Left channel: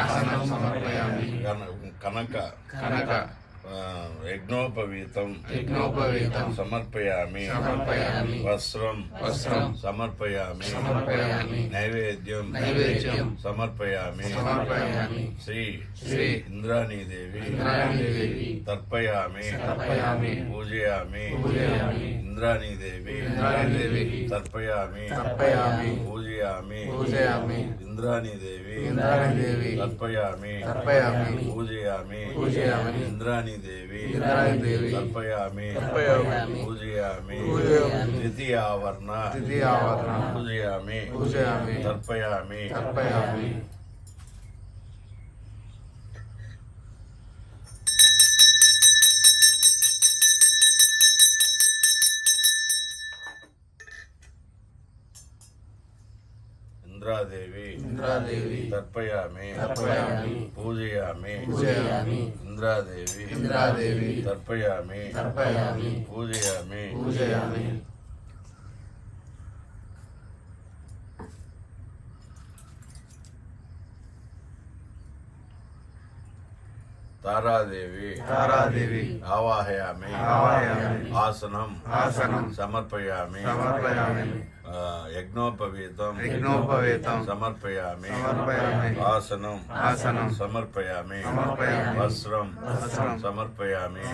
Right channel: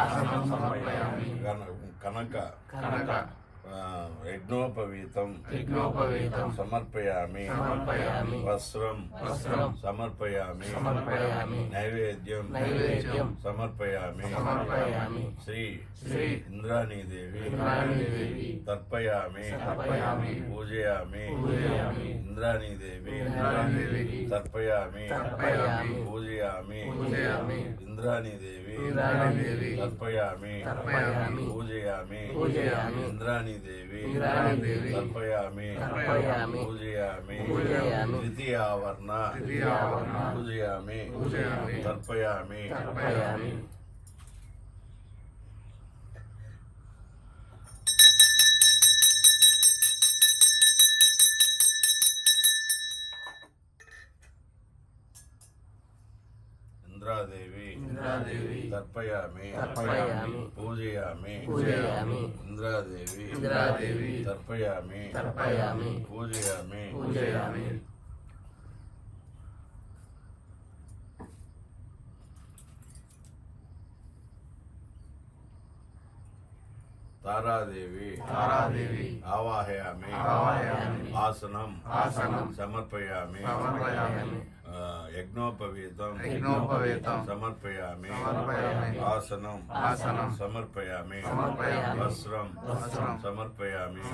ఆసనం సమర్పయామి కనక యజ్ఞోపవీతం సమర్పయామి వస్త్రం సమర్పయామి నైవేద్యం సమర్పయామి శ్రీ ఇంద్రాణీదేవి తర్పయామి పూజయామి ఇంద్రాణీదేవి తర్పయామి పూజయామి ఇంద్రాణీదేవి తర్పయామి పూజయామి ఇంద్రాణీదేవి తర్పయామి పూజయామి ద్వితీయావర్ణ పూజయామి తర్పయామి ఇంద్రాదేవి తర్పయామి పూజయామి ఇంద్రాదేవి తర్పయామి పూజయామి తారాదేవి ఆవాహయామి ఆసనం సమర్పయామి యజ్ఞోపవీతం సమర్పయామి ఆసనం సమర్పయామి వస్త్రం సమర్పయామి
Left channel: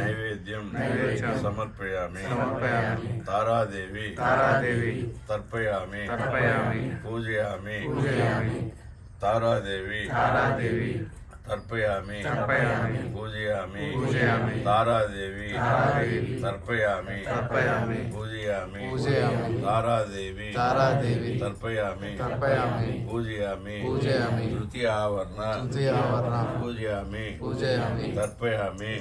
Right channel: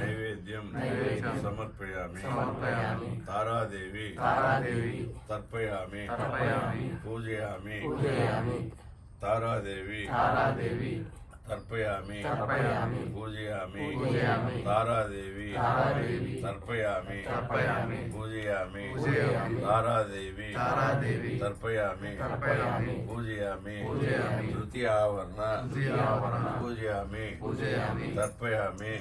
నైవేద్యం సమర్పయామి తారాదేవి తర్పయామి పూజయామి తారాదేవి తర్పయామి పూజయామి తారాదేవి తర్పయామి పూజయామి తారాదేవి తర్పయామి పూజయామి తృతీయావర్ణ పూజయామి తర్పయామి